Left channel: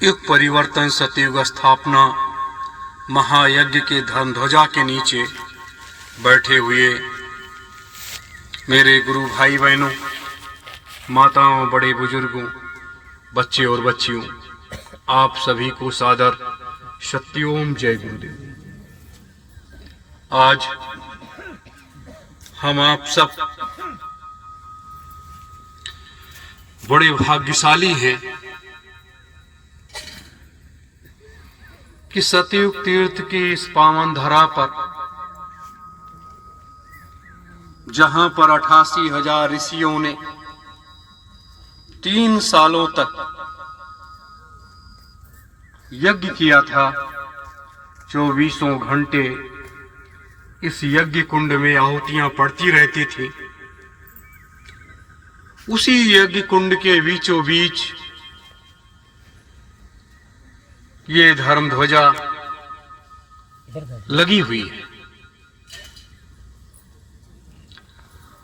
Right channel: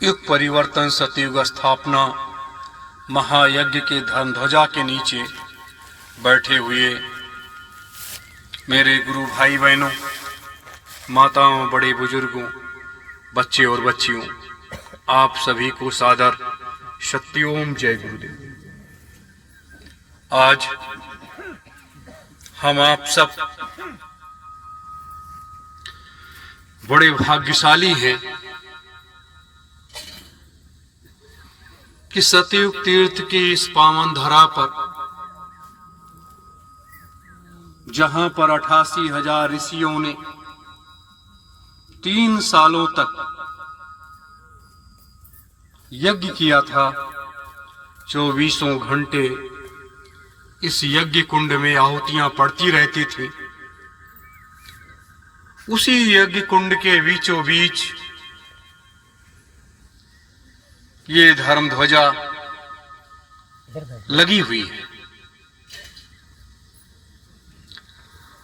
युग परिवर्तन सतयुग स्थापना महायज्ञ के धर्म ध्वजा के नीचे बैठे हुए मेरे गुरु भाई बहनों, माताओं, बड़े बुजुर्गों, बच्चे और बच्चियों, आप सभी को सादर सत्योम जय गुरुदेव। आज हम आप सब बड़े भाग्यशाली हैं कि सतयुग तीर्थ की इस पावन धरा पर, जहां पर 88,000 ऋषियों ने 3 सालों तक यज्ञ किया था, 24 घंटे इस यज्ञ कुंड में आहुतियां पड़ती रहती थी। उसी यज्ञ कुंड के बीचों बीच ये धर्म ध्वजा लगी हुई है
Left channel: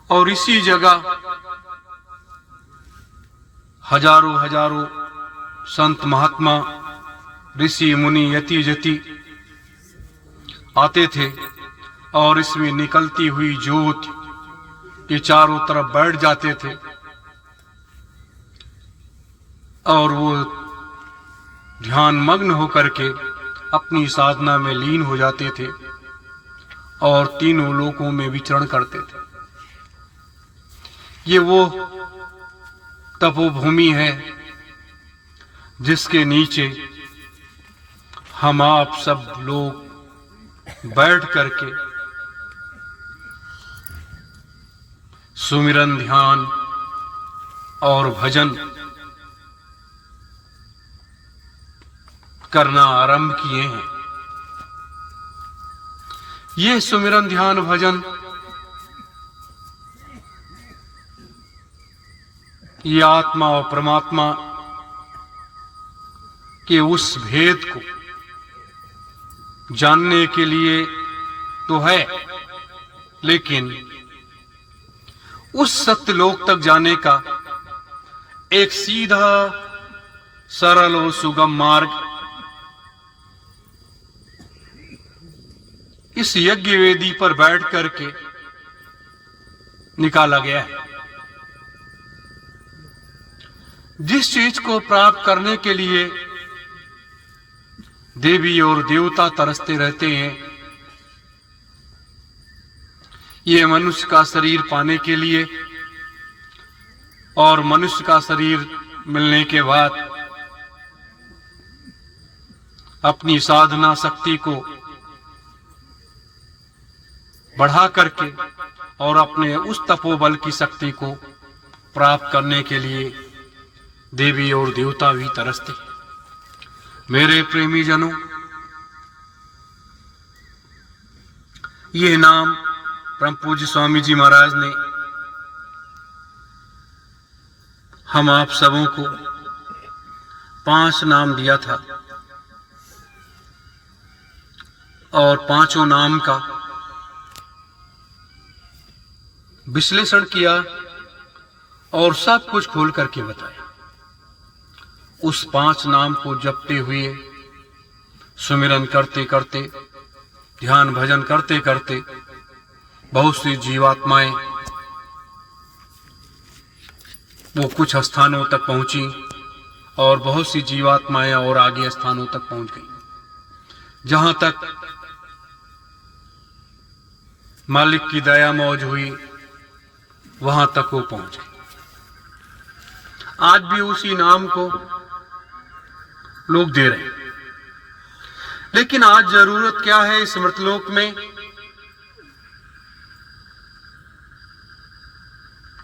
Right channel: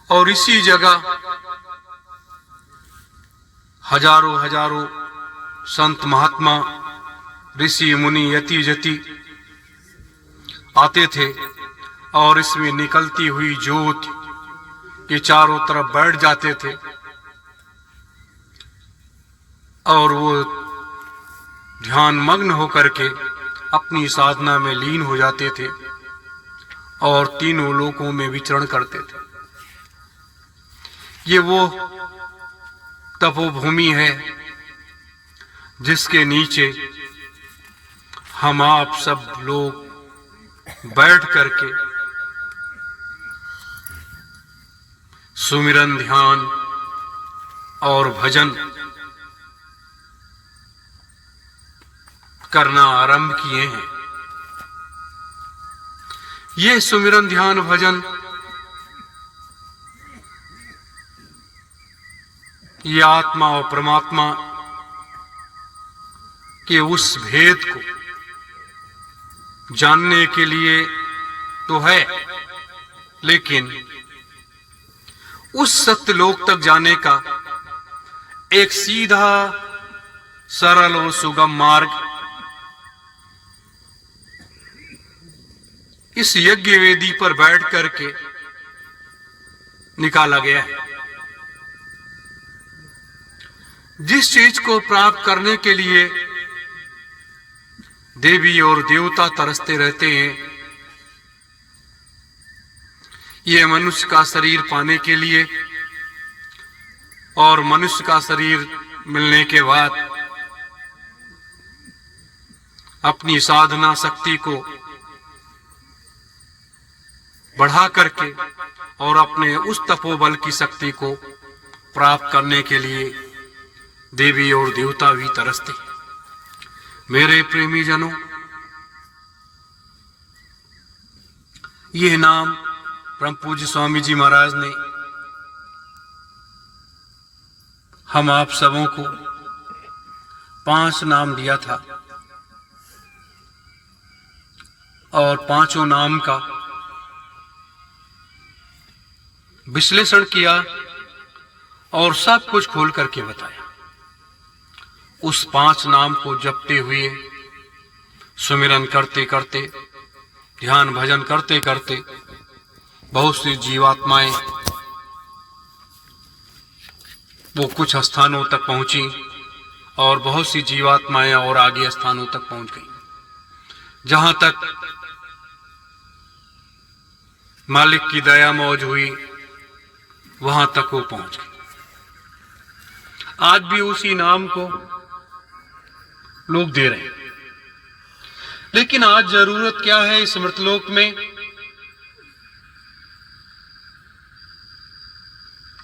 और इसी जगह हजारों संत महात्मा, ऋषि मुनि, यति जति आते थे और इसमें निकलती हुई ज्योत के चारों तरफ बैठ जाते थे और वो ध्यान मग्न होकर के अपनी साधना में लीन हो जाते थे और तीनों लोकों में विचरण करते थे। ये वो तपोभूमि है जिसके नीचे हम आप सब लोग बैठ करके सुमिरन, ध्यान और भजन करना आरंभ किए हैं। ये सुमिरन, ध्यान, भजन ये आत्मा और परमात्मा के उस भेद को जानने के लिए तो है, लेकिन उस सत्यलोक तक जाने का एक सीधा, सरल और सुगम मार्ग इस यज्ञ वेदी पर बैठ करके निकाला गया है। जिस चीज को प्राप्त करने के लिए देवी और देवता तरसते रहते हैं, ये मनुष्य का शरीर पाने के लिए और मनुष्य का शरीर मिलने के बाद अपनी साधना शक्ति को बढ़ा करके और अपने उस तपोबल की शक्ति को प्राप्त करने के लिए देवी और देवता भी तरसते। मेरे प्रेमी जनों, यह नाम परम पूज्य स्वामी जी महाराज ने हम आप सबों को 5 नाम दिया था और 5 नाम का विश्लेषण किया और सब कुछ खोल करके बताया। उस 5 नाम को जपते हुए, सुमिरन करते करते, ध्यान भजन करते करते बहुत सी जीवात्माएं वो कुछ स्थानों तक पहुंची और बहुत सी जीवात्माएं और आगे स्थानों तक पहुंच गई। जहां तक मालिक की दया मौज हुई वहां तक वो पहुंच गए। आज भी उसी नाम को लोग दे रहे हैं, लेकिन आज जरूरत क्या है इस मृतलोक में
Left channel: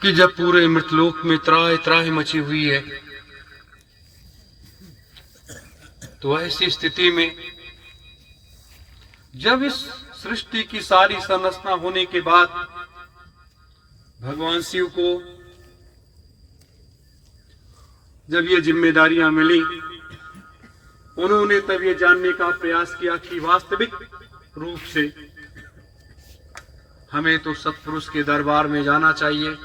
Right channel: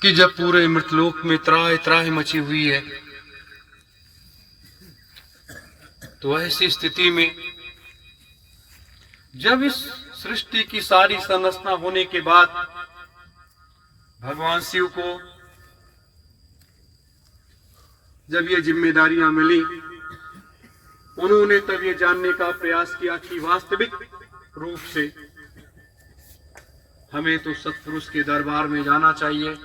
कि जब पूरे मृतलोक में त्राहि त्राहि मची हुई है, तो ऐसी स्थिति में जब इस सृष्टि की सारी संरचना होने के बाद भगवान शिव को जब ये जिम्मेदारियां मिली, उन्होंने तब ये जानने का प्रयास किया कि वास्तविक रूप से हमें तो सत्पुरुष के दरबार में जाना चाहिए,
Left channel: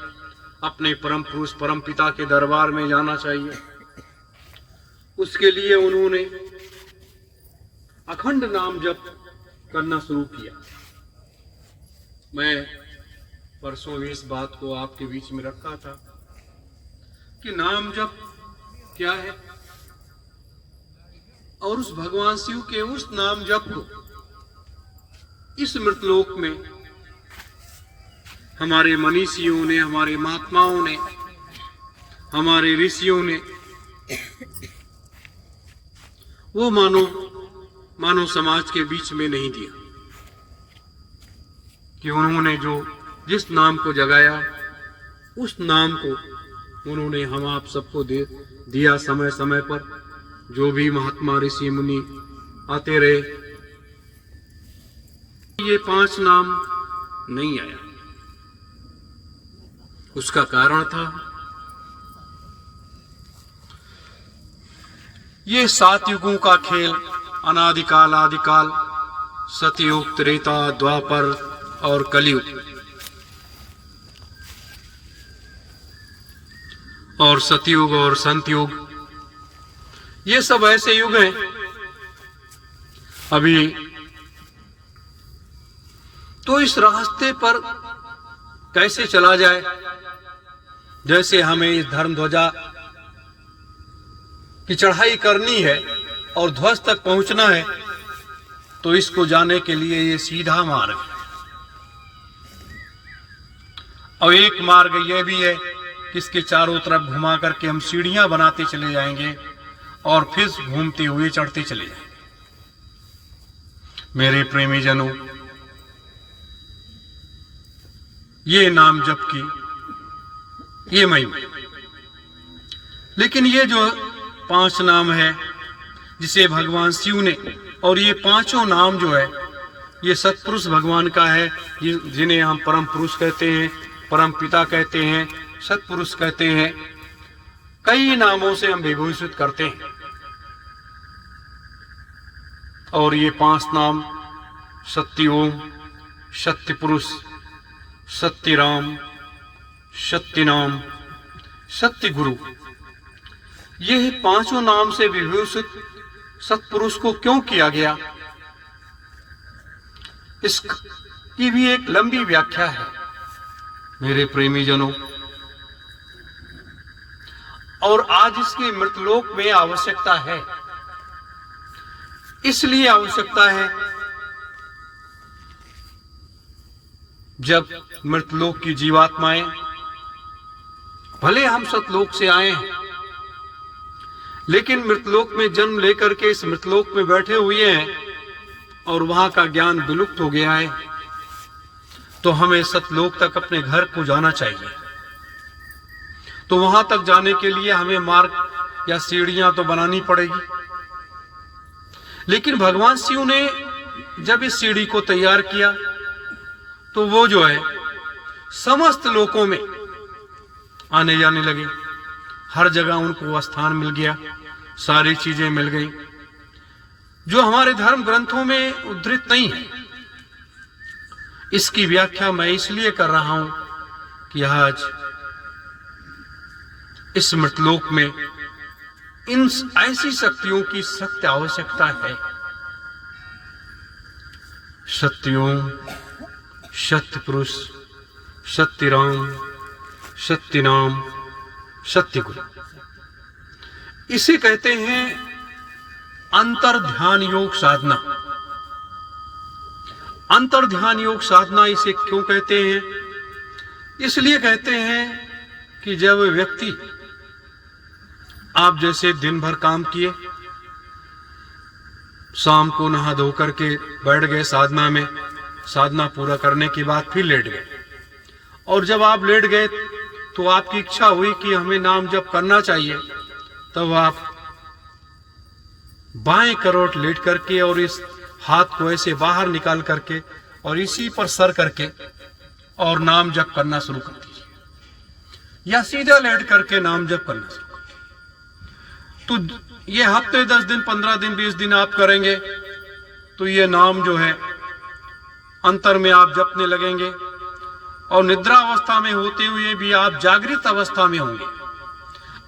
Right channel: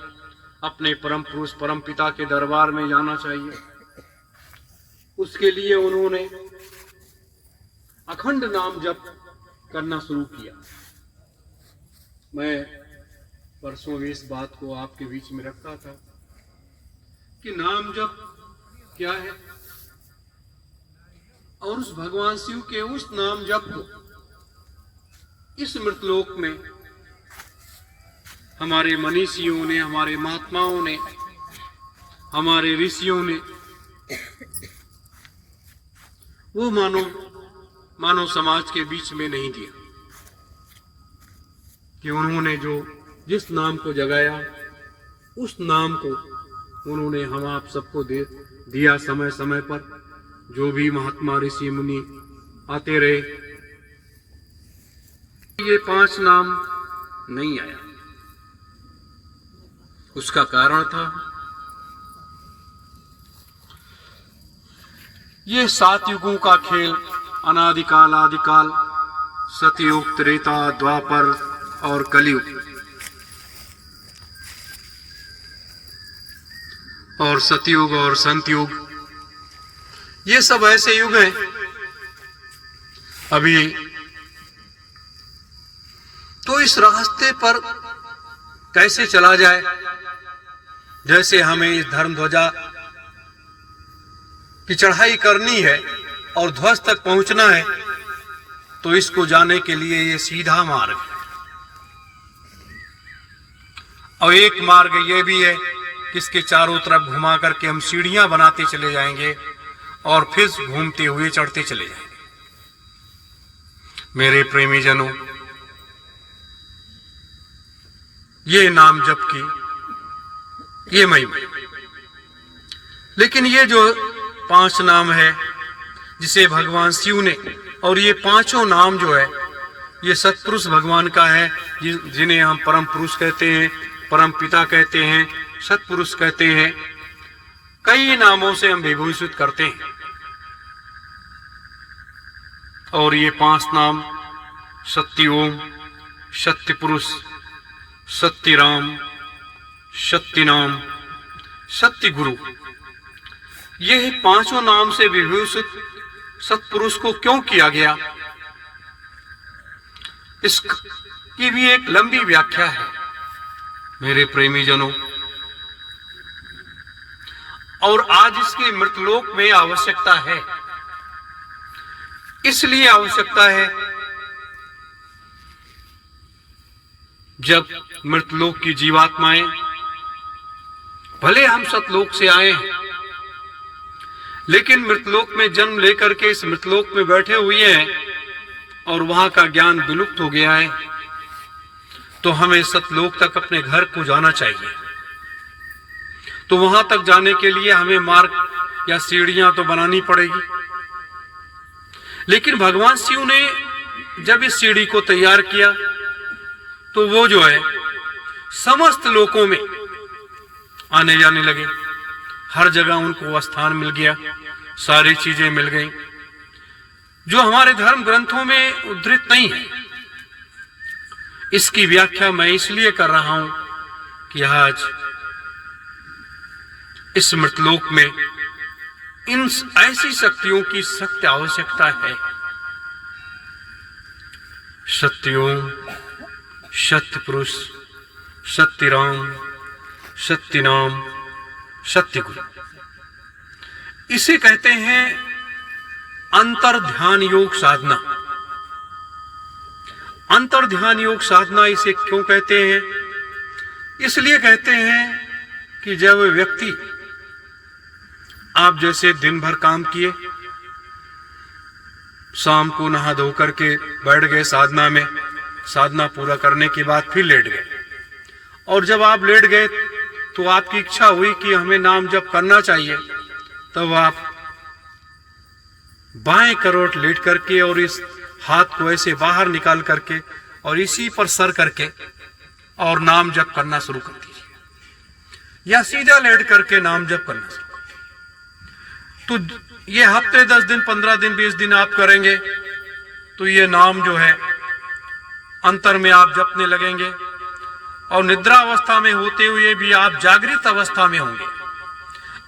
अपने परम पुरुष परम पिता के दरबार में जाना चाहिए। उसके लिए उन्होंने अखंड नाम जप करना शुरू किया। मैं परसों इस बात को आपके बीच में रखा था कि नाम जप क्या है, और उस भगवान शिव के उस नाम जप को इस मृतलोक में हमारे मनीषियों ने, हमारे महात्माओं ने, हमारे ऋषियों ने, वो मानव समाज के बीच में नहीं दिया कि उन्होंने जिस नाम को जगाया उस नाम को उन्होंने हम आप सबको दिया। समय समय पर जो भी महात्मा ऋषि मुनि आते रहे, ये 5 नाम नहीं आया। उसका कारण था ये 7 युगों का खेल, अनादिकाल आदिकाल, सतयुग, त्रेता, द्वापर और कलयुग, और सतयुग और संतयुग, ये सब ऐसे युग हैं। अभी तो इस रास्ते पर कैसे चला जाए, जैसे हमें इस धर्म ध्वजा की चढ़ाई करनी है और ध्वज तक पहुंचना है, तो इसको जाने के लिए ये सीधा मार्ग है। और एक मार्ग ये भी है कि इसके चारों तरफ घुमा करके हम सीढ़ियां बनाते चले जाएंगे और फिर घूमते हुए चढ़ते चले जाएंगे। मेरे प्रेमी जनों, ये नाम जप की ये महिमा, लेकिन ये जो 5 नाम है जिसे भगवान शिव ने, और ये 5 नाम जो है ये सतपुरुष भगवान का है, जिन्हें हम परम पुरुष कहते हैं, परम पिता कहते हैं, सतपुरुष कहते हैं। कई नामों से हम विभूषित करते हैं। और ये 5 नाम सत्य ओम, सत्य पुरुष, सत्य राम, सत्य नाम, सत्य गुरु, ये 5 नाम से विभूषित सतपुरुष को क्यों किया गया, इसकी भी एक लंबी व्याख्या है मेरे प्रेमी जनों। और आज इसकी मृतलोक में आवश्यकता है। इसलिए आवश्यकता है जब मृतलोक की जीवात्माएं, भले हम सतलोक से आए हैं, लेकिन मृतलोक में जन्म लेकर के इस मृतलोक में बैठे हुए हैं और वहां का ज्ञान विलुप्त हो गया है, तो हमें सतलोक तक अपने घर को जाना चाहिए। तो वहां तक जाने के लिए हमें मार्ग या सीढ़ियां तो बनानी पड़ेगी। लेकिन भगवान शिव ने जब इस सीढ़ी को तैयार किया तो वो जो है समस्त लोकों में आने जाने लगे। हर जगह उनको स्थान मिल गया, सारी चीजें मिल गई जो हमारे धर्म ग्रंथों में उद्धृत नहीं है। इसकी व्याख्या मैं इसलिए कर रहा हूं कि आज इस मृतलोक में इन ऐसी शक्तियों की सख्त आवश्यकता है। सत्य ओम, सत्य पुरुष, सत्य राम, सत्य नाम, सत्य गुरु, इसे कहते हैं अंतर ध्यान योग साधना। अंतर ध्यान योग साधना इसे क्यों कहते हैं? इसलिए कहते हैं कि जब व्यक्ति, आप जैसे दिन भर काम किए, शाम को नहा धो करके बैठ गए साधना में, साधना पूरा करने के बाद फिर लेट गए, और जब आप लेट गए तो आपकी इच्छा हुई कि हमें नाम जप करना चाहिए, तब आप बाएं करोट लेट करके और इस हाथ को ऐसे बाहर निकाल करके और इसी पर सर करके और नाम जप करना शुरू कर दीजिए, या सीधा लेट करके नाम जप करना शुरू। तो ये हफ्ते 10 दिन, 15 दिन, 20 दिन आप करेंगे तो ये नाम जो है अंतर में आप जपने लगेंगे, और निद्रा अवस्था में होते हुए भी आप जागृत अवस्था में होंगे।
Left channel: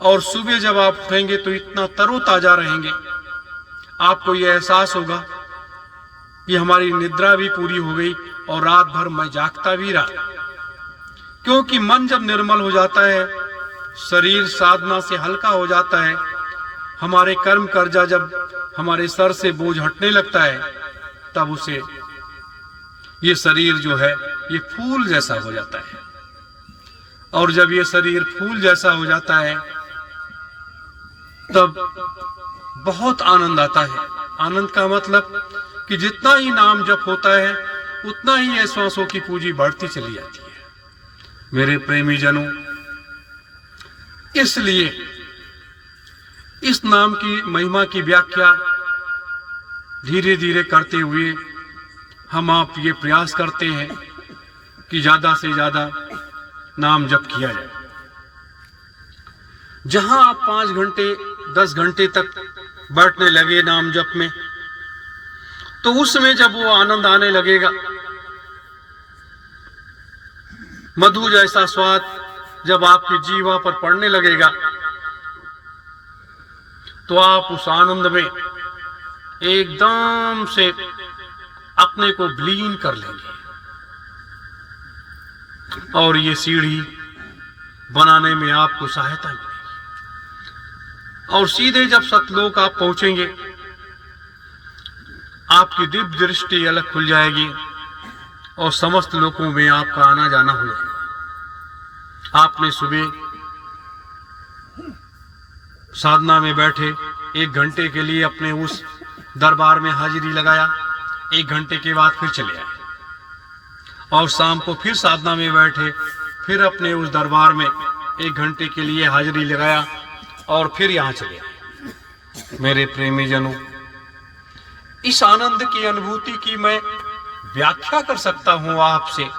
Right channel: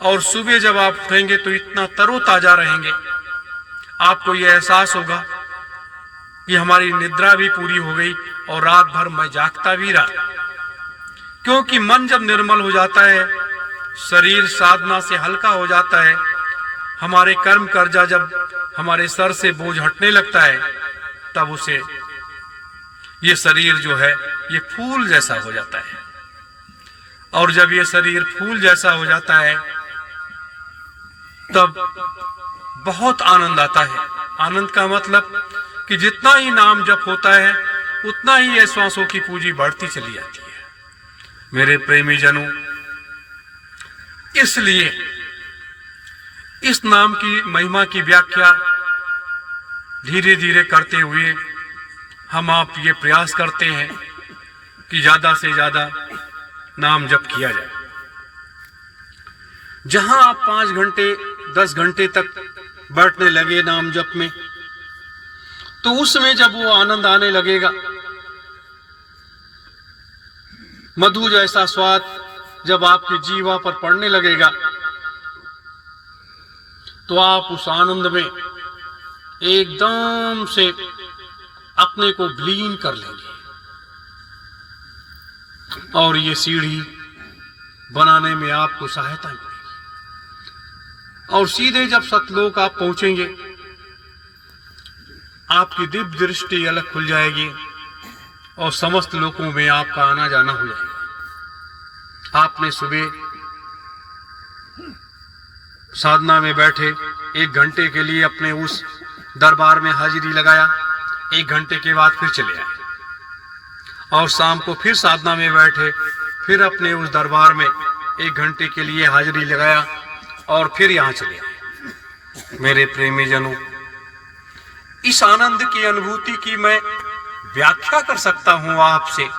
और सुबह जब आप उठेंगे तो इतना तरोताजा रहेंगे, आपको यह एहसास होगा कि हमारी निद्रा भी पूरी हो गई और रात भर मैं जागता भी रहा। क्योंकि मन जब निर्मल हो जाता है, शरीर साधना से हल्का हो जाता है, हमारे कर्म कर्जा जब हमारे सर से बोझ हटने लगता है, तब उसे ये शरीर जो है ये फूल जैसा हो जाता है। और जब ये शरीर फूल जैसा हो जाता है तब बहुत आनंद आता है। आनंद का मतलब कि जितना ही नाम जप होता है उतना ही ये श्वासों की पूंजी बढ़ती चली जाती है। मेरे प्रेमी जनों, इसलिए इस नाम की महिमा की व्याख्या धीरे धीरे करते हुए हम आप ये प्रयास करते हैं कि ज्यादा से ज्यादा नाम जप किया जाए। जहां आप 5 घंटे 10 घंटे तक बैठने लगे नाम जप में, तो उसमें जब वो आनंद आने लगेगा, मधु जैसा स्वाद जब आपकी जीवा पर पड़ने लगेगा, तो आप उस आनंद में एकदम से अपने को विलीन कर लेंगे और ये सीढ़ी बनाने में आपको सहायता मिलेगी। और सीधे जब सतलोक आप पहुंचेंगे, आपकी दिव्य दृष्टि अलग खुल जाएगी और समस्त लोकों में आपका आना जाना हो जाएगा। आपने सुबह साधना में बैठे 1 घंटे के लिए अपने उस दरबार में हाजिरी लगाया, 1 घंटे के बाद फिर चले आए, और शाम को फिर साधना में बैठे, फिर अपने उस दरबार में 1 घंटे के लिए हाजिरी लगाया और फिर यहाँ चले आए। मेरे प्रेमी जनों, इस आनंद की अनुभूति की मैं व्याख्या कर सकता हूँ आपसे,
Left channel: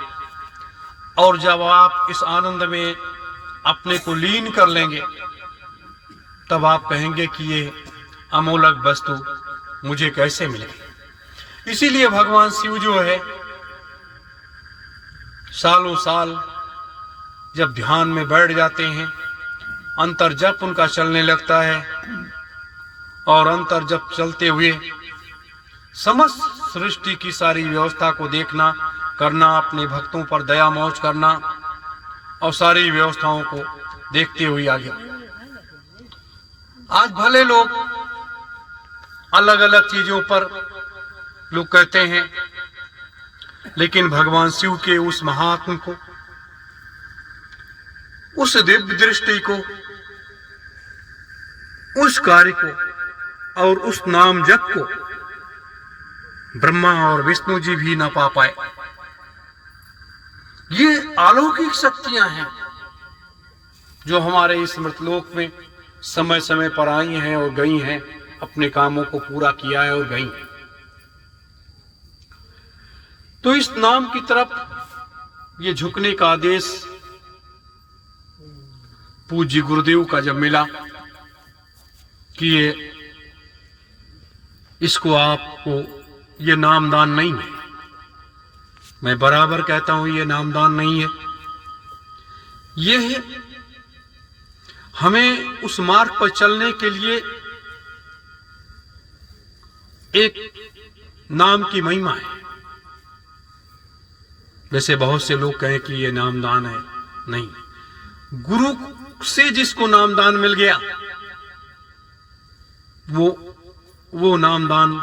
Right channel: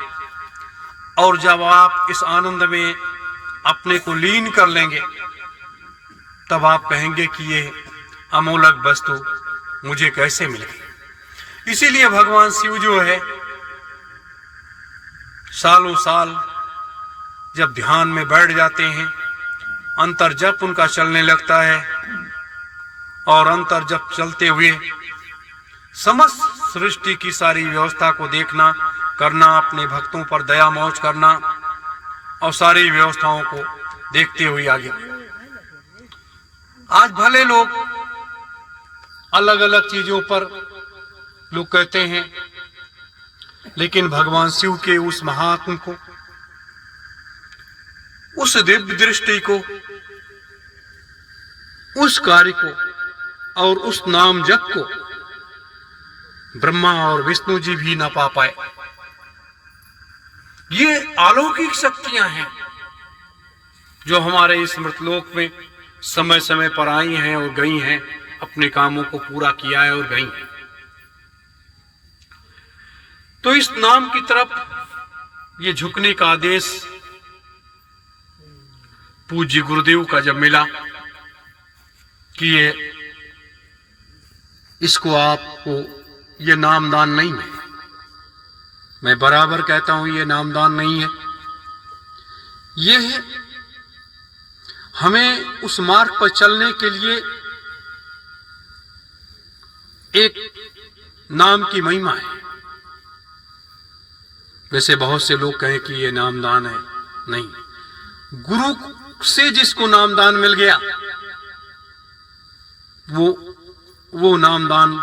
और जब आप इस आनंद में अपने को लीन कर लेंगे, तब आप कहेंगे कि ये अमोलक वस्तु मुझे कैसे मिल गई। इसीलिए भगवान शिव जो है, सालों साल जब ध्यान में बैठ जाते हैं, अंतर जप उनका चलने लगता है, और अंतर जप चलते हुए समस्त सृष्टि की सारी व्यवस्था को देखना करना, अपने भक्तों पर दया मौज करना और सारी व्यवस्थाओं को देखते हुए आगे। आज भले लोग अलग अलग चीजों पर लोग कहते हैं, लेकिन भगवान शिव के उस महात्म को, उस दिव्य दृष्टि को, उस कार्य को और उस नाम जप को ब्रह्मा और विष्णु जी भी ना पा पाए। ये अलौकिक शक्तियां हैं जो हमारे इस मृतलोक में समय समय पर आई हैं और गई हैं, अपने कामों को पूरा किया है और गई हैं। तो इस नाम की तरफ ये झुकने का आदेश पूज्य गुरुदेव का जब मिला कि ये इसको आपको ये नामदान नहीं है, मैं बराबर कहता हूं ये नामदान नहीं है, ये है हमें उस मार्ग पर चलने के लिए एक नाम की महिमा है। वैसे बहुत से लोग कहें कि ये नामदान है, नहीं, गुरु से जिसको नामदान मिल गया वो नामदान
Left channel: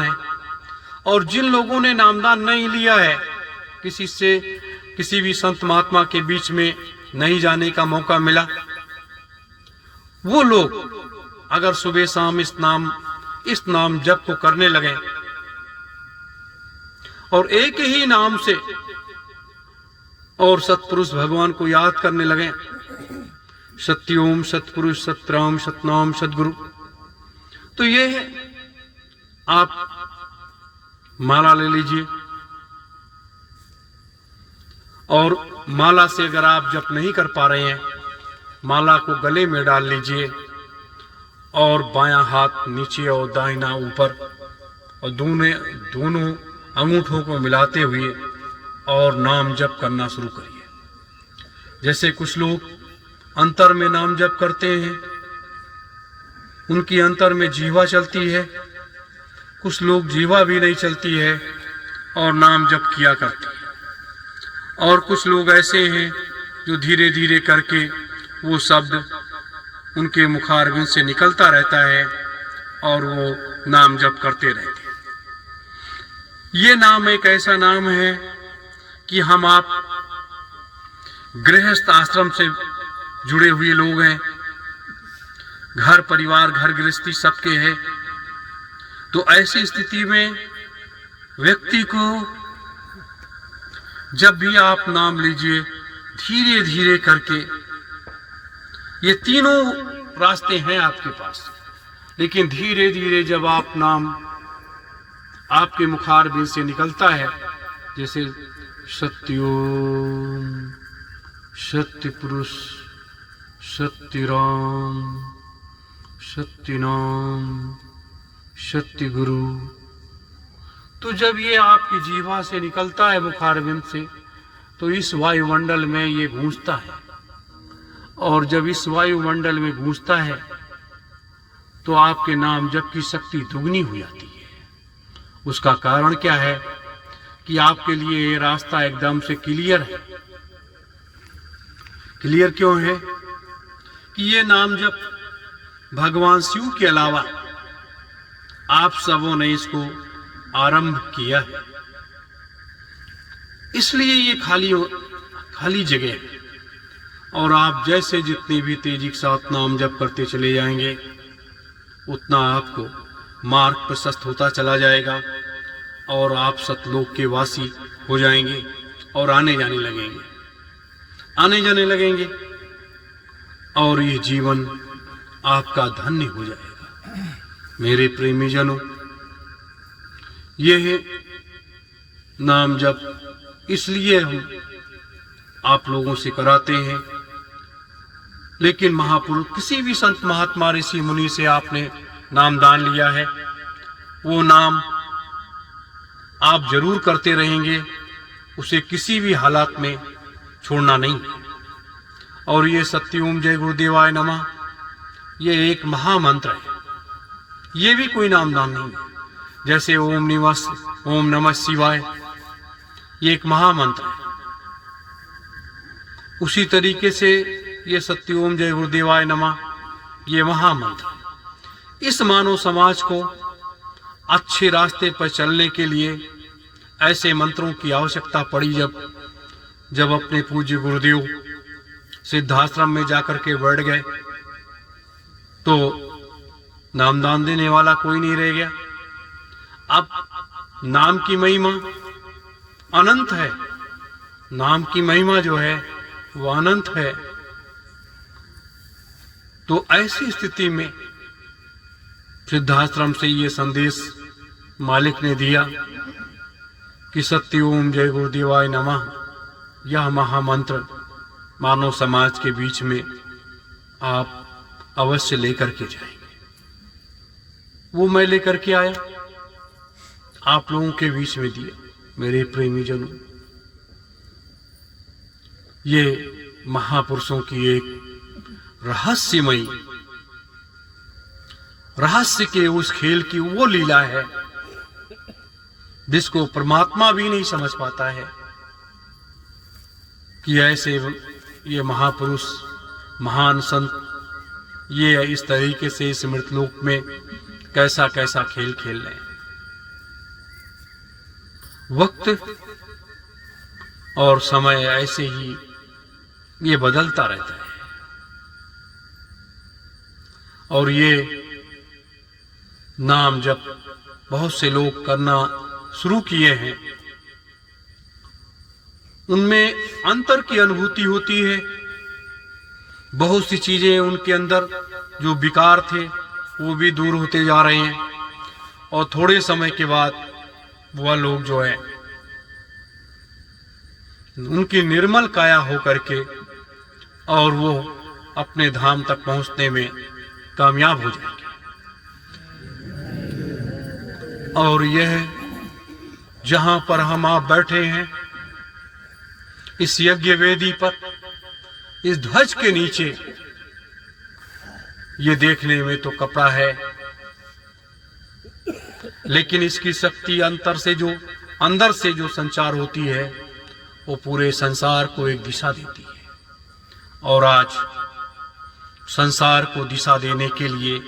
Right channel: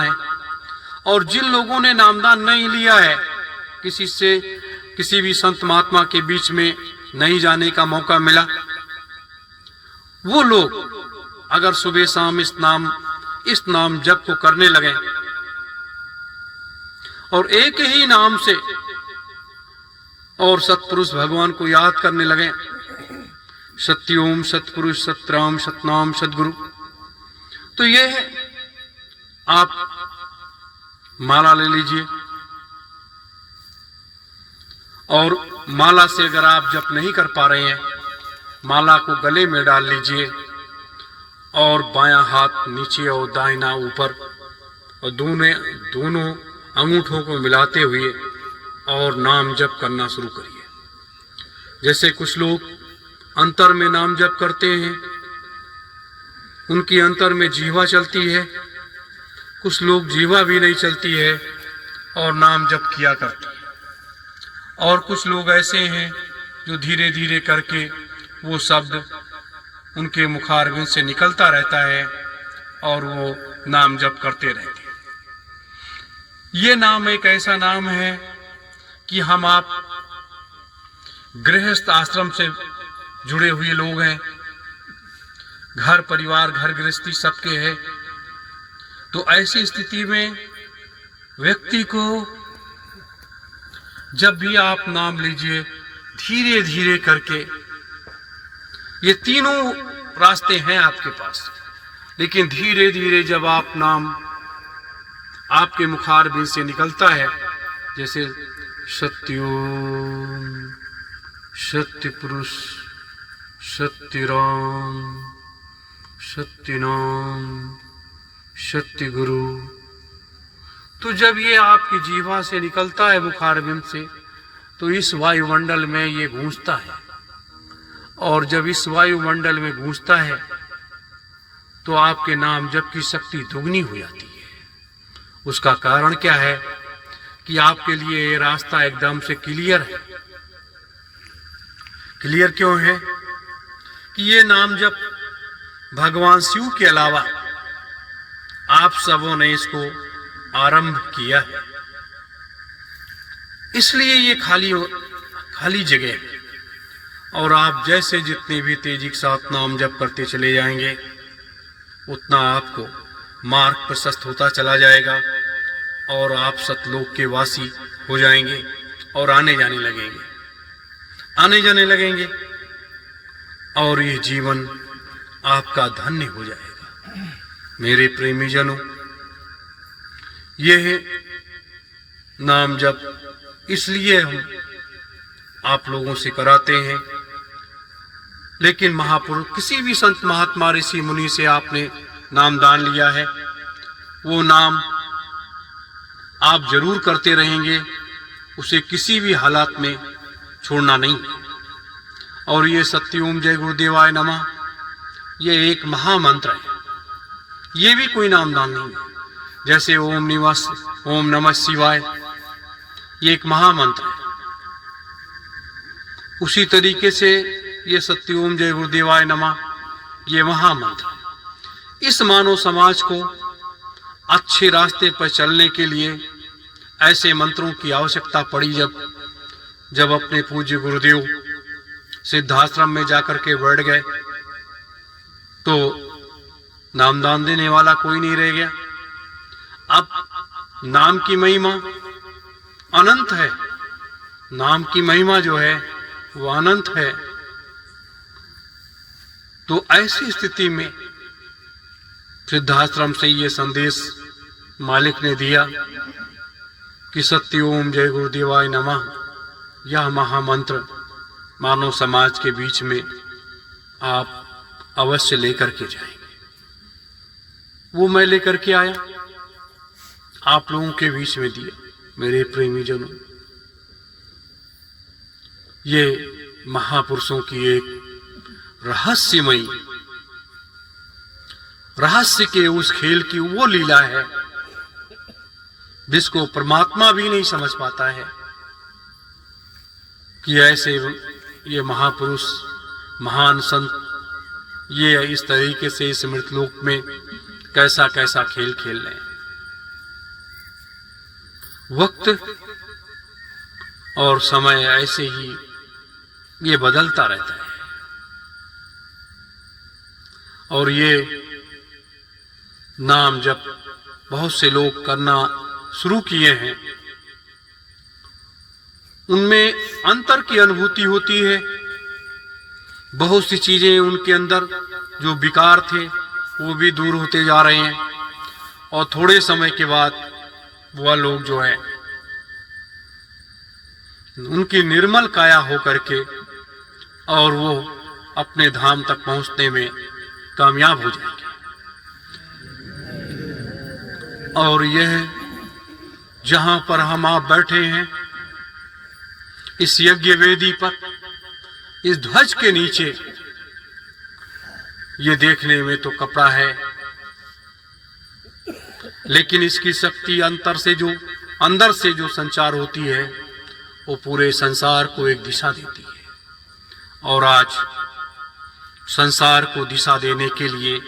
है। और जिन लोगों ने नामदान नहीं लिया है, किसी से किसी भी संत महात्मा के बीच में नहीं जाने का मौका मिला, वो लोग अगर सुबह शाम इस नाम जप को करने लगे और एक ही नाम से और सत्पुरुष भगवान को याद करने लगे, सत्योम सत्पुरुष सतराम सतनाम सदगुरु, तो ये है, आप माला ले लीजिए और माला से अगर आप जप नहीं कर पा रहे हैं, माला को गले में डाल लीजिए और बायां हाथ नीचे और दाहिना ऊपर, और दोनों अंगूठों को मिलाते हुए और नाम जप करना शुरू करिए। जैसे कुछ लोग अंतर में नाम जप करते हैं, उनकी अंतर में जीवा चलती है। कुछ लोग जीवा भी नहीं चलती है और नाम जप किया करते हैं। और कुछ लोग ऐसे हैं जो धीरे धीरे करके वो शब्द उनके मुखारबिंद से निकलता रहता है और वो नाम जप करते रहते हैं। ये नाम एक ऐसा नाम है कि हम आप गृहस्थ आश्रम से जुड़े हुए लोग हैं, घर परिवार घर गृहस्थी सबके है। तो ऐसी स्थिति में व्यक्ति को जब भी आप नाम लीजिए धीरे धीरे करके, ये तीनों रास्ते हैं आपके पास, लेकिन धीरे धीरे जब आप नाम आपके मुखारबिंद से निकलता है, जैसे सत्योम, सत्य पुरुष, सत्य राम, सत्य नाम, सत्य गुरु, तो जब ये आपकी जीवा से निकलता है मुखारबिंद से, तो इस वायुमंडल में ये गूंजता है। और जब इस वायुमंडल में गूंजता है तो आपके नाम जप की शक्ति दुगनी हो जाती है। उसका कारण क्या है कि आपके लिए ये रास्ता एकदम से क्लियर है। क्लियर क्यों है कि ये नाम जप भगवान शिव के अलावा आप सबों ने इसको आरंभ किया है, इसलिए ये खाली जगह है। और आप जैसे जितनी भी तेजी के साथ नाम जप करते चले जाएंगे, उतना आपको मार्ग प्रशस्त होता चला जाएगा और आप सतलोक के वासी हो जाएंगे और आने जाने लगेंगे और ये जीवन आपका धन्य हो जाएगा। मेरे प्रेमी जनों, यह नाम जप इसलिए हम आप लोगों से कराते हैं, लेकिन महापुरुष किसी भी संत महात्मा ऋषि मुनि से आपने नाम दान लिया है, वो नाम आप जरूर करते रहेंगे, उसे किसी भी हालात में छोड़ना नहीं। और ये सत्यओम जय गुरुदेवाय नमः, ये एक महामंत्र है, ये भी कोई नामदान नहीं है। जैसे ओम नमः शिवाय ये एक महामंत्र है, उसी तरीके से ये सत्यओम जय गुरुदेवाय नमः ये महामंत्र है। इस मानव समाज को अच्छे रास्ते पर चलने के लिए ऐसे मंत्रों की आवश्यकता पड़ी। जब अपने पूज्य गुरुदेव सिद्धाश्रम में जाकर के बैठ गए तो नामदान देने वाला कोई नहीं रह गया। अब नाम की महिमा अनंत है, नाम की महिमा जो है वो अनंत है। तो ऐसी स्थिति में सिद्धाश्रम से ये संदेश मालिक ने दिया कि सत्यओम जय गुरुदेवाय नमः यह महामंत्र मानव समाज के बीच में आप अवश्य लेकर के जाएंगे। वो मैं लेकर के आया, आप लोगों के बीच में दिया। मेरे प्रेमी जनों, ये महापुरुषों की एक रहस्य के उस खेल की वो लीला है जिसको परमात्मा भी नहीं समझ पाता है कि ऐसे ये महापुरुष महान संत ये इस तरीके से इस मृतलोक में कैसा कैसा खेल खेल रहे हैं। वक्त और समय ऐसे ही ये बदलता रहता है और ये नाम जब बहुत से लोग करना शुरू किए हैं, उनमें अंतर की अनुभूति होती है। बहुत सी चीजें उनके अंदर जो विकार थे वो भी दूर होते जा रहे हैं और थोड़े समय के बाद वह लोग जो है उनकी निर्मल काया हो करके और वो अपने धाम तक पहुंचने में कामयाब हो जाएंगे। और यह जहां पर हम आप बैठे हैं इस यज्ञ वेदी पर, इस ध्वज के नीचे ये देखने में तो कपड़ा है, लेकिन इसकी शक्ति अंदर से जो संचार होती है वो पूरे संसार को एक दिशा देती है। और आज संसार को दिशा देने के लिए,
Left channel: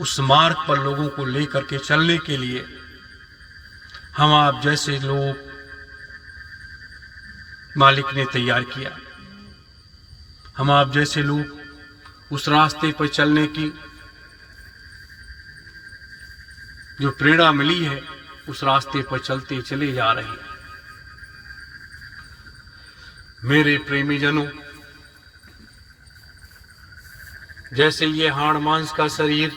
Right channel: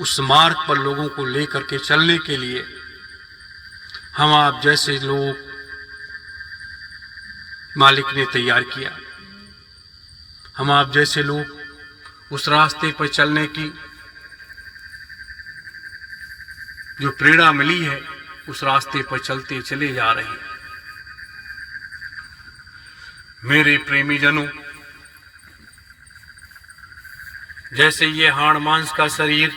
उस मार्ग पर लोगों को लेकर के चलने के लिए हम आप जैसे लोग मालिक ने तैयार किया। हम आप जैसे लोग उस रास्ते पर चलने की जो प्रेरणा मिली है, उस रास्ते पर चलते चले जा रहे हैं। मेरे प्रेमी जनों, जैसे ये हाड़ मांस का शरीर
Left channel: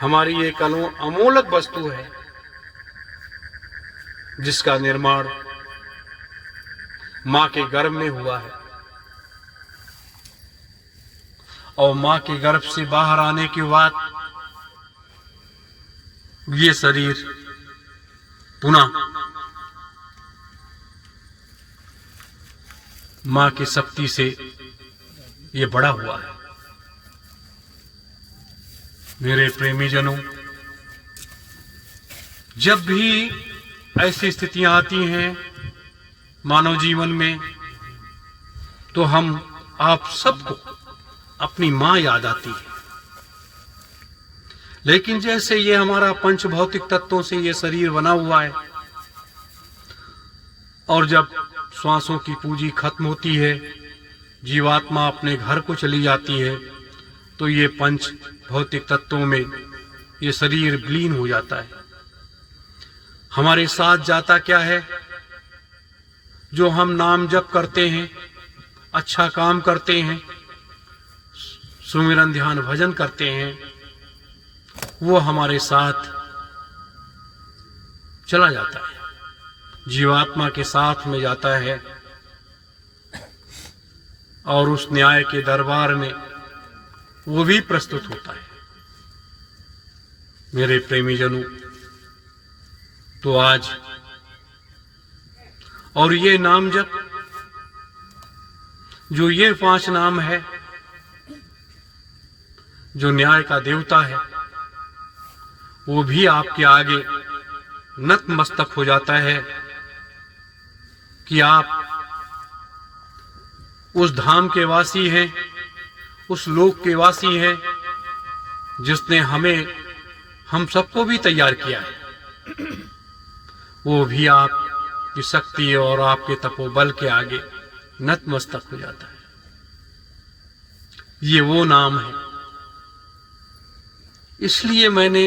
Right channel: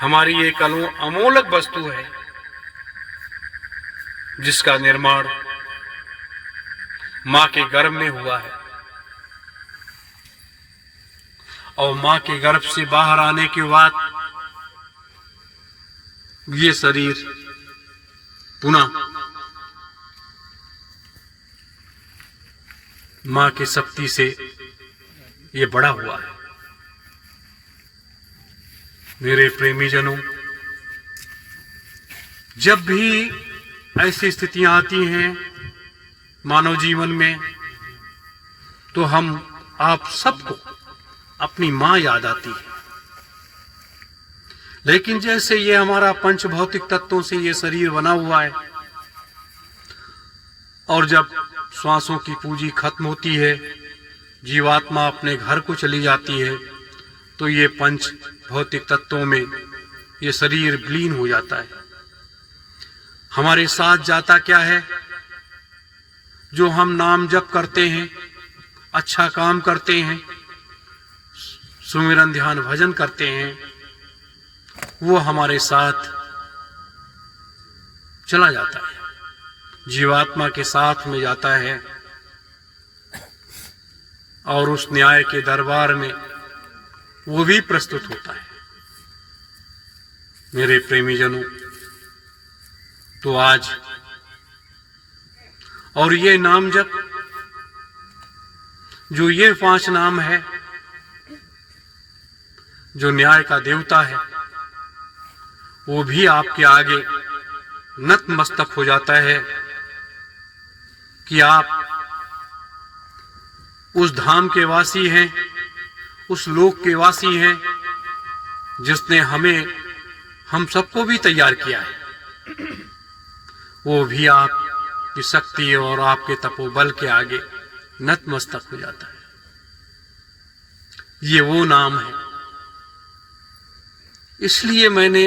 हमारी एक अमोलक वस्तु है, जिसका निर्माण मां के गर्भ में हुआ है, और मां के गर्भ से बाहर आने के बाद ये शरीर पुनः मां की शक्ति से ये बड़ा हुआ है। मेरे प्रेमी जनों, जब भी ऐसी स्थितियां आती हैं मानव जीवन में, तो हम आप सबको अपनी मां याद आती है। लेकिन जैसे ये हमारा पंच भौतिक तत्वों से ये शरीर बना हुआ है, और जब श्वासों की पूंजी खत्म होती है, जीवात्मा अपने घर को चली जाती है, तो ये पंच भौतिक तत्वों में ये शरीर विलीन हो जाता है। हमारे साथ जाता क्या है? जो हम नाम जप करते हैं, अच्छा काम करते हैं, सुमिरन ध्यान भजन करते हैं, वो हमारे साथ चला जाता है, जीवात्मा के साथ में जाता है, और उस न्याय के दरबार में वो भी प्रस्तुत होता है। मेरे प्रेमी जनों, तो आज और ये नाम जप, जो ये 5 नाम है, जो न्याय का देवता है, वो भी आपके आगे नतमस्तक हो जाता है कि आप उस धाम के वासी हैं, उस लोक के वासी हैं, जिसने हम सबको भी तैयार किया है। वो भी आपकी शक्ति और आपके तपोबल के आगे नतमस्तक हो जाता है। ये वो नाम है। इसलिए मैंने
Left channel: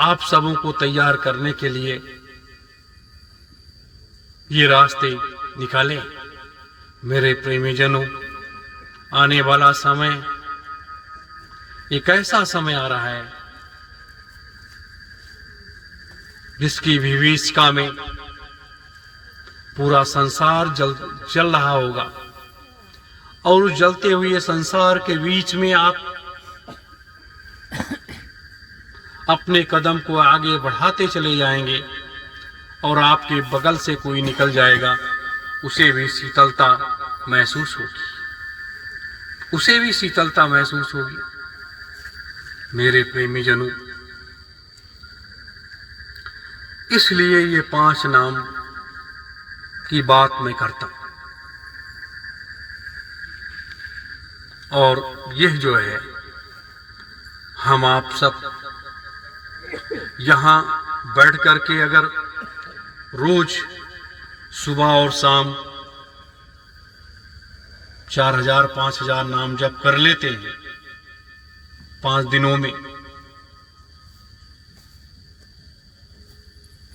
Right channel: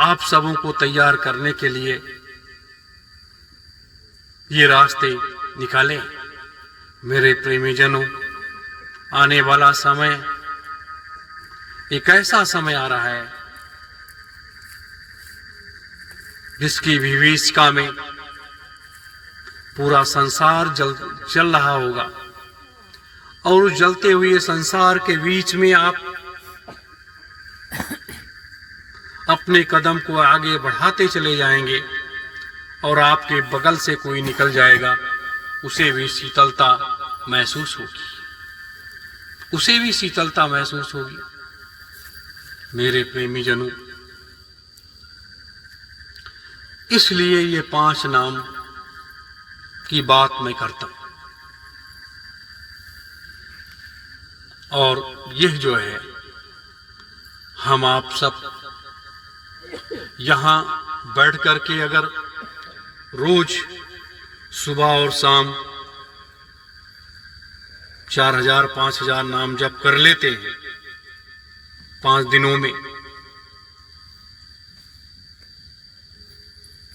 आप सबों को तैयार करने के लिए ये रास्ते निकाले। मेरे प्रेमी जनों, आने वाला समय एक ऐसा समय आ रहा है जिसकी विभीषिका में पूरा संसार जल रहा होगा, और उस जलते हुए संसार के बीच में आप अपने कदम को आगे बढ़ाते चले जाएंगे, और आपके बगल से कोई निकल जाएगा, उसे भी शीतलता महसूस होगी, उसे भी शीतलता महसूस होगी। मेरे प्रेमी जनों, इसलिए ये 5 नाम की बात मैं करता हूं। और यह जो है, हम आप सब यहां बैठ करके अगर रोज सुबह और शाम 4000 5000 नाम जप कर लेते हैं 5 दिनों में,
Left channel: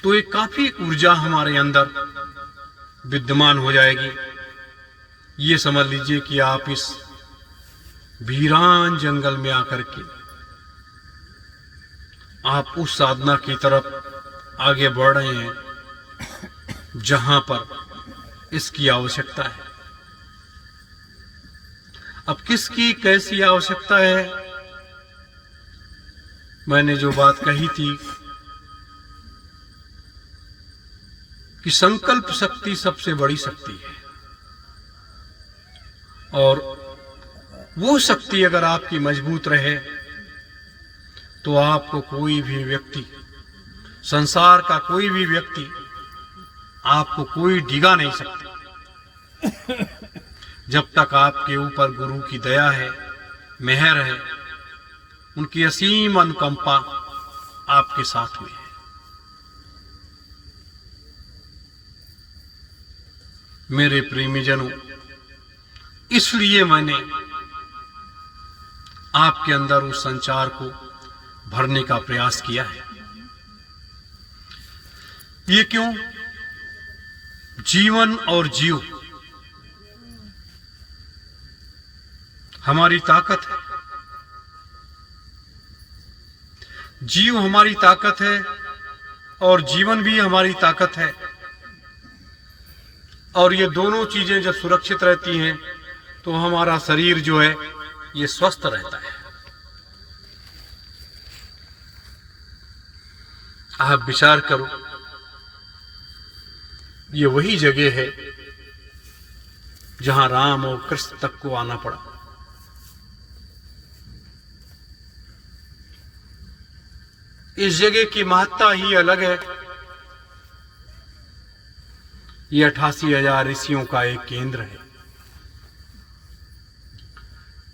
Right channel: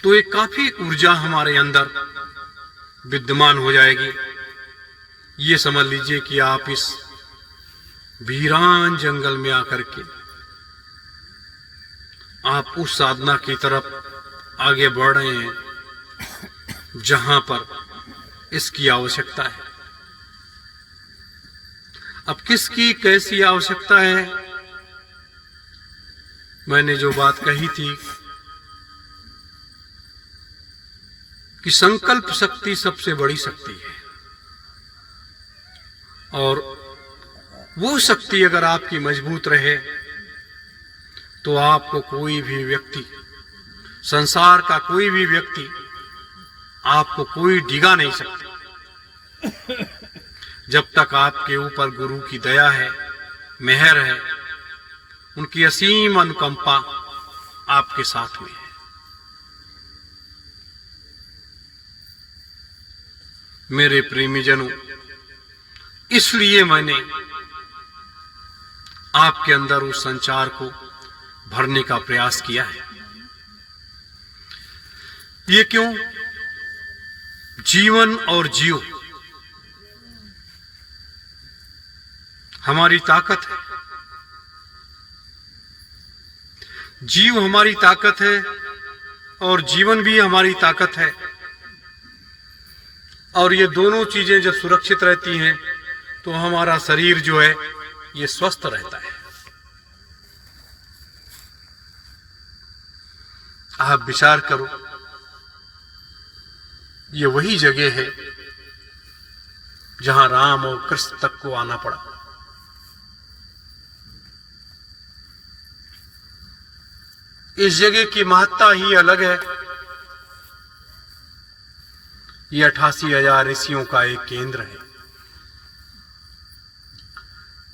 तो एक काफी ऊर्जा हमारे अंदर विद्यमान हो जाएगी। ये समझ लीजिए कि आप इस वीरान जंगल में आकर के आप उस साधना की तरफ आगे बढ़ रहे हैं जहां पर इसकी आवश्यकता है। अब किसकी कैसी आवश्यकता है? मैंने जो बात कही थी कि संकल्प शक्ति सबसे बड़ी शक्ति है। और वो शक्ति अगर आपकी मजबूत रहे तो आपको कोई भी व्यक्ति, संसार का कोई भी व्यक्ति आपको कोई डिगा नहीं सकता। जब तक आपके ऊपर गुरु की दया है, मेहर है, उनकी असीम अनुकंपा आपके साथ में है। मेरे प्रेमीजनों, इसलिए मैंने आपके अंदर उस संचार को भरने का प्रयास किया है। ये क्यों? जीवन और जियो हमारी ताकत है। जीव हमारी ताकत है और जीवन भी हमारी ताकत है। और ये दोनों चीजें जब सुरक्षित रहती हैं तो हमारा शरीर जो है ये स्वस्थ रहता है। आप विचार करो, ये वही जगह है जहां राम और कृष्ण तक को आना पड़ा। इस जगह की महत्ता ही अलग है। ये 88,000 ऋषियों का एक केंद्र है।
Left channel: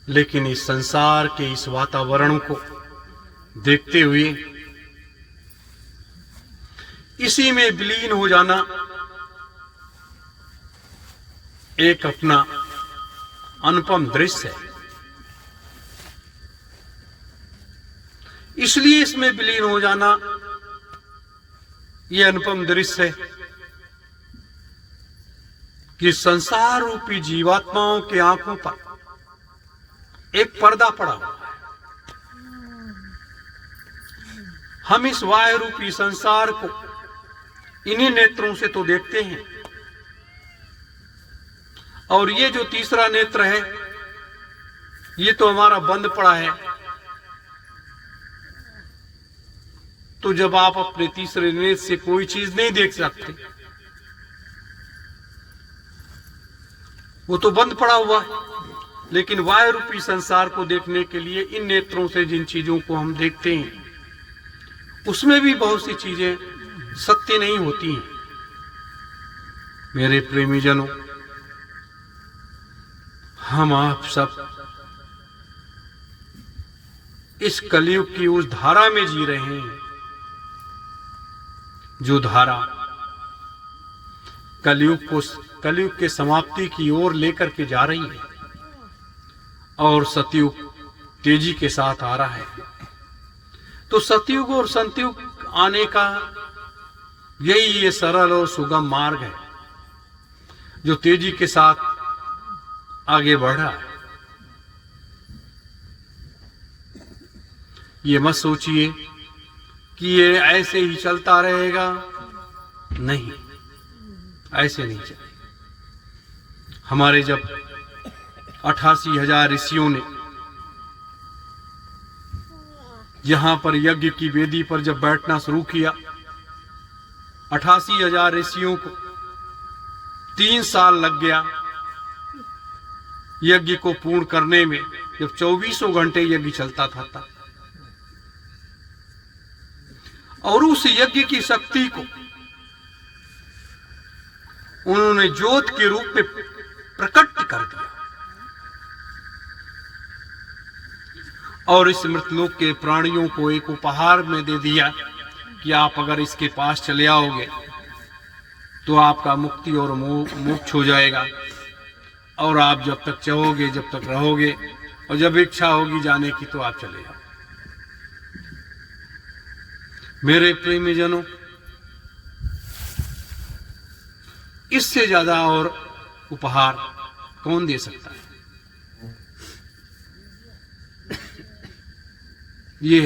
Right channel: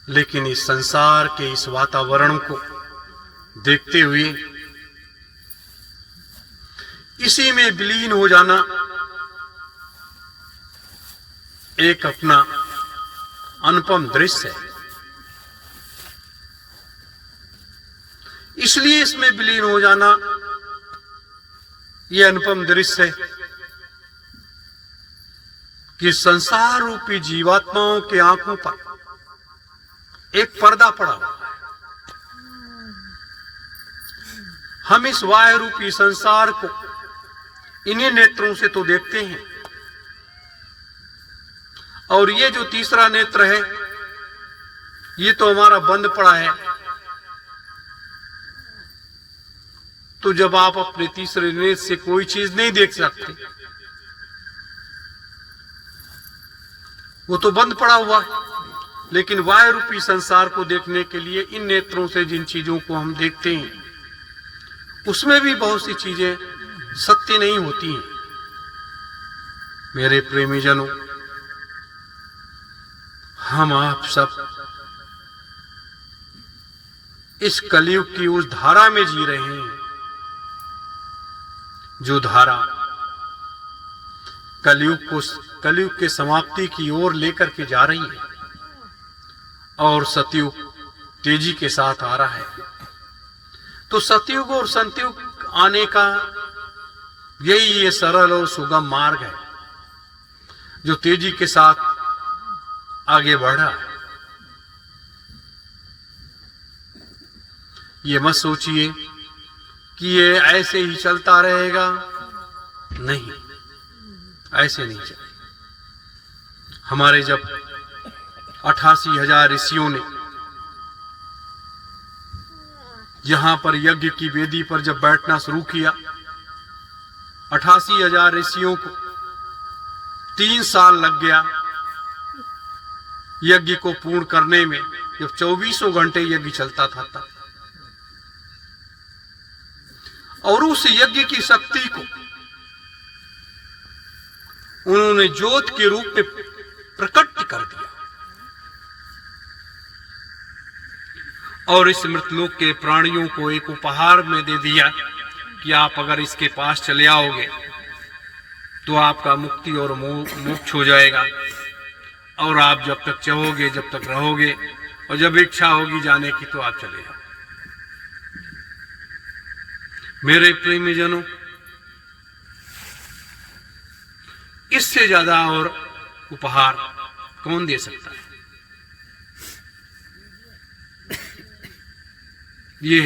लेकिन इस संसार के इस वातावरण को देखते हुए इसी में विलीन हो जाना एक अपना अनुपम दृश्य है। इसलिए इसमें विलीन हो जाना यह अनुपम दृश्य है कि संसार रूपी जीवात्माओं की आंखों पर एक पर्दा पड़ा हुआ है। हम इस वायु रूपी संसार को इन्हीं नेत्रों से तो देखते हैं, और ये जो तीसरा नेत्र है ये तो हमारा बंद पड़ा है। तो जब आप अपने तीसरे नेत्र से कोई चीज नहीं देख सकते, वो तो बंद पड़ा हुआ है। लेकिन वायु रूपी संसार को देखने के लिए इन नेत्रों से जिन चीजों को हम देखते हैं उसमें भी बहुत सी चीजें सत्य नहीं होती हैं। मेरे प्रेमीजनों, हम आप सब इस कलयुग की उस धारा में जी रहे हैं जो धारा कलयुग के समाप्ति की ओर लेकर के जा रही है और सतयुग तेजी के साथ आ रहा है। तो सतयुग और संतयुग आने का यही ये सरल और सुगम मार्ग है जो तेजी के साथ आगे बढ़ रहा है। ये मत सोचिए कि ये ऐसे ही चलता रहेगा, नहीं, ऐसे नहीं चलेगा। हमारे जब 88,000 ऋषियों ने यहां पर यज्ञ की वेदी पर जब बैठना शुरू किया, 88,000 ऋषियों को 3 साल लग गया यज्ञ को पूर्ण करने में, जब 24 घंटे यज्ञ चलता था तब। और उस यज्ञ की शक्ति को उन्होंने ज्योत के रूप में प्रकट कर दिया और इस मृतलोक के प्राणियों को एक उपहार में दे दिया कि आप अगर इसके पास चले आओगे तो आपका मुक्ति और मोक्ष हो जाएगा, और आप जब तक चाहोगे, जब तक रहोगे, और जब इच्छा होगी जाने की तो आप चले जाओ। मेरे प्रेमीजनों, इससे ज्यादा और उपहार कौन दे सकता है? ये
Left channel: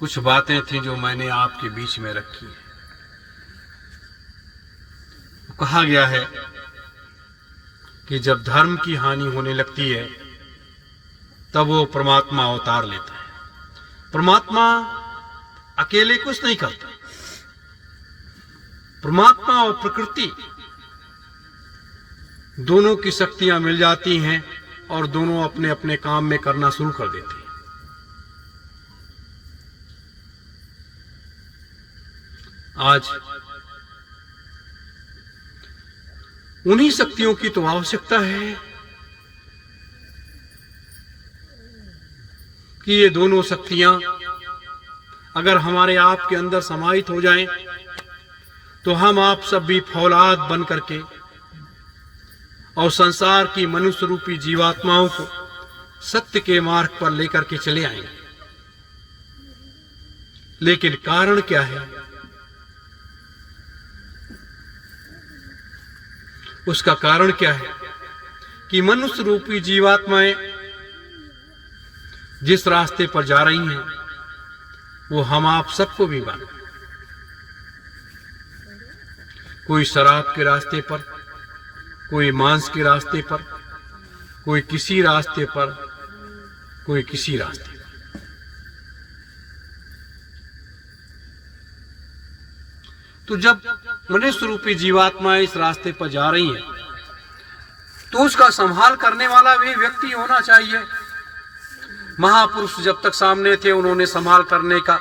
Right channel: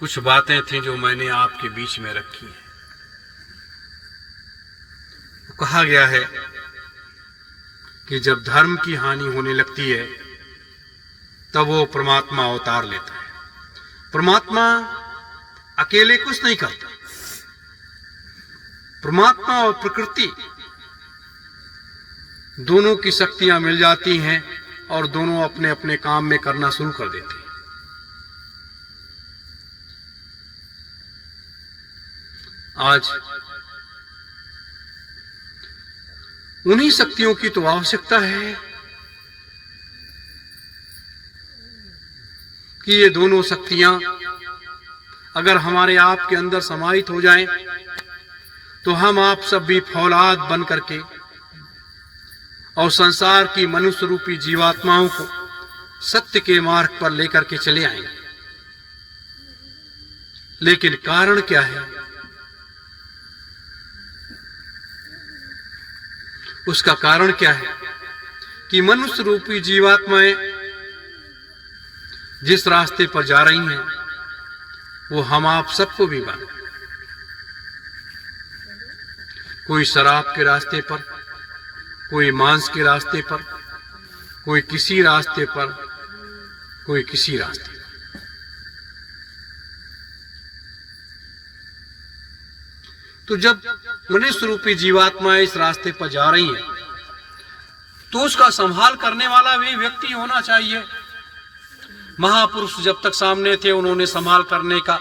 कुछ बातें थी जो मैंने आपके बीच में रखी हैं। कहा गया है कि जब धर्म की हानि होने लगती है तब वो परमात्मा अवतार लेता है। परमात्मा अकेले कुछ नहीं करता। परमात्मा और प्रकृति दोनों की शक्तियां मिल जाती हैं और दोनों अपने अपने काम में करना शुरू कर देते हैं। आज उन्हीं शक्तियों की तो आवश्यकता है कि ये दोनों शक्तियां अगर हमारे आप के अंदर समाहित हो जाएं, तो हम आप सब भी फौलाद बन करके और संसार की मनुष्य रूपी जीवात्माओं को सत्य के मार्ग पर लेकर के चले आएंगे। लेकिन कारण क्या है? उसका कारण क्या है कि मनुष्य रूपी जीवात्माएं जिस रास्ते पर जा रही हैं वो हम आप सबको भी मालूम। कोई शराब के रास्ते पर, कोई मांस के रास्ते पर, कोई किसी रास्ते पर, कोई किसी रास्ते पर। तो जब मनुष्य रूपी जीवात्माएं इस रास्ते पर जा रही हैं तो उसका संभाल करने वाला भी व्यक्ति होना चाहिए। महापुरुष जब तक सामने थे उन्होंने संभाल करने का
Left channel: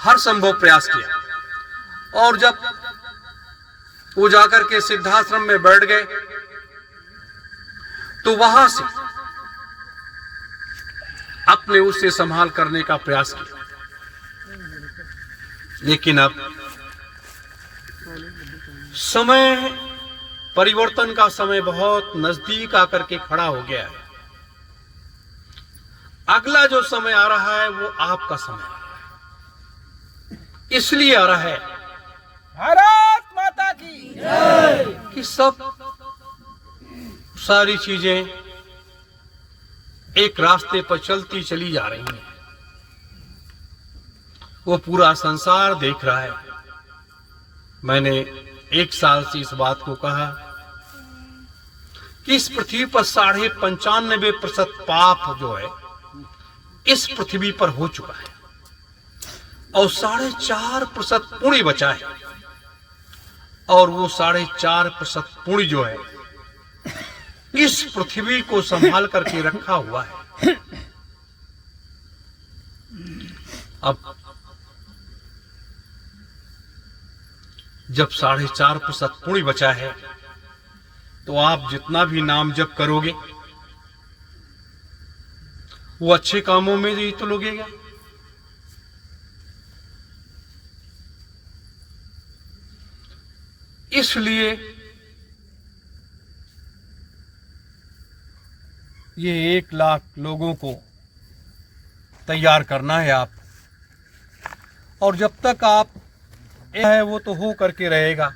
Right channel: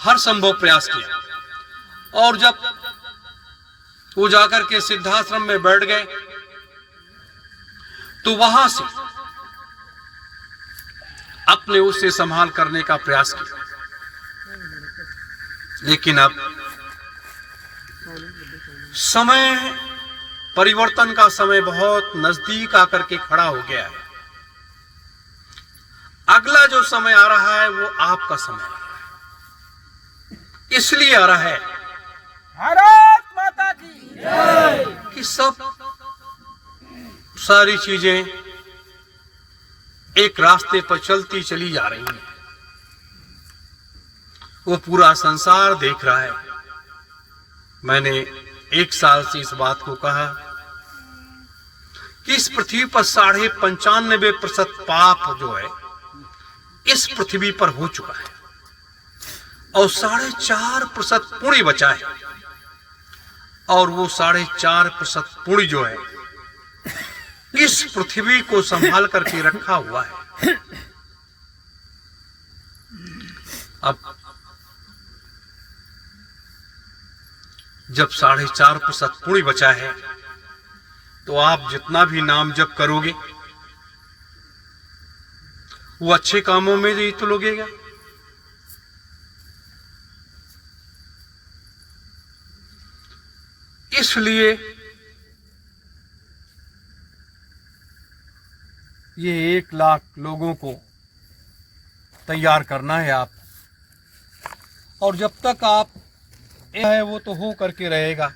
हर संभव प्रयास किया, और जब वो जाकर के सिद्धाश्रम में बैठ गए तो वहां से अपने उससे संभाल करने का प्रयास किया। लेकिन अब समय परिवर्तन का समय बहुत नजदीक आकर के खड़ा हो गया है। अगला जो समय आ रहा है वो आपका समय आ रहा है। इसलिए आ रहा है भारत माता की जय कि सब सारी चीजें एक रास्ते पर चलती चली जा रही हैं। वो पूरा संसार देख रहा है। मैंने 1 साल से इस बात को कहा कि इस पृथ्वी पर 95% पाप जो है इस पृथ्वी पर हो चुका है और 4.5% पुण्य बचा है, और वो 4.5% पुण्य जो है इस पृथ्वी को संभाल करके रखा हुआ है। अब जब 4.5% पुण्य बचा है तो आप जितना भी नाम जप करोगे वो अच्छे कामों में ही तो लगेगा। इसलिए ये 1 लाख लोगों को तैयार करना है आप, और जब तक आप है वो तो हो करके रहेगा,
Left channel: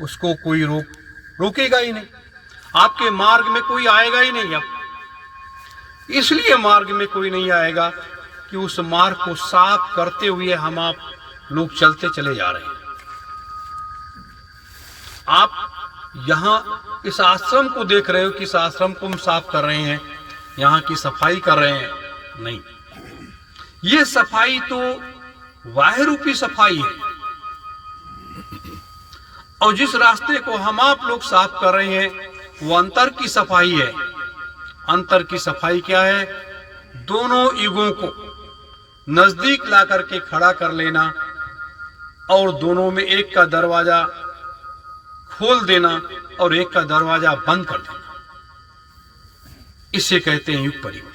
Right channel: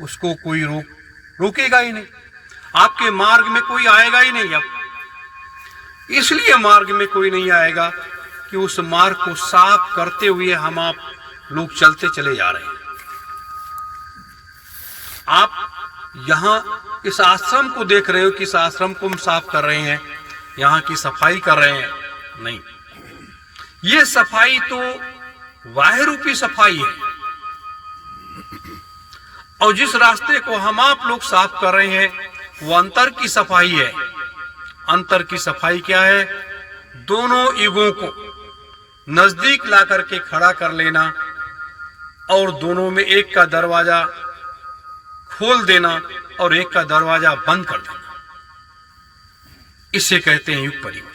उसको कोई रोकेगा ही नहीं। आपके मार्ग में कोई आएगा ही नहीं। अब इसलिए मार्ग में कोई नहीं आएगा कि उस मार्ग को साफ करते हुए हम आप लोग चलते चले जा रहे हैं। आप यहां इस आश्रम को देख रहे हो कि इस आश्रम को हम साफ कर रहे हैं, यहां की सफाई कर रहे हैं, नहीं। ये सफाई तो वाह रूपी सफाई है, और जिस रास्ते को हम आप लोग साफ कर रहे हैं वो अंतर की सफाई है। अंतर की सफाई क्या है? दोनों युगों को नजदीक ला करके खड़ा कर लेना और दोनों में एक का दरवाजा खोल देना और एक का दरवाजा बंद कर देना, इसे कहते हैं युग परिवर्तन।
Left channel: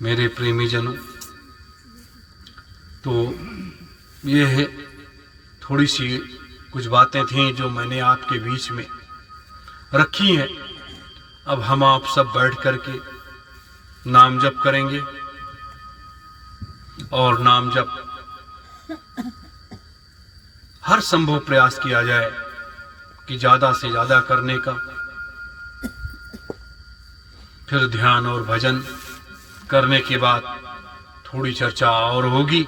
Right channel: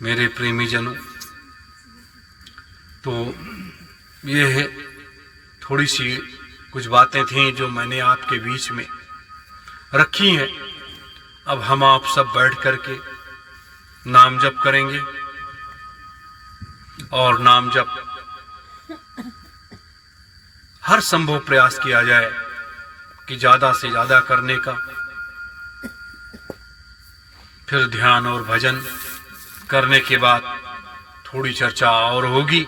मेरे प्रेमी जनों, तो ये है थोड़ी सी कुछ बातें थी जो मैंने आपके बीच में रखी हैं। अब हम आप सब बैठ करके नाम जप करेंगे, और नाम जप हर संभव प्रयास किया जाए कि ज्यादा से ज्यादा करने का। फिर ध्यान और भजन करने के बाद थोड़ी चर्चा और होगी,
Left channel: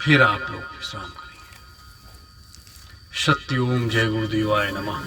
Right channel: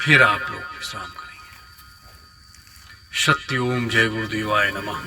फिर आप लोग विश्राम करेंगे। सत्य ओम। जय गुरुदेवाय नमः।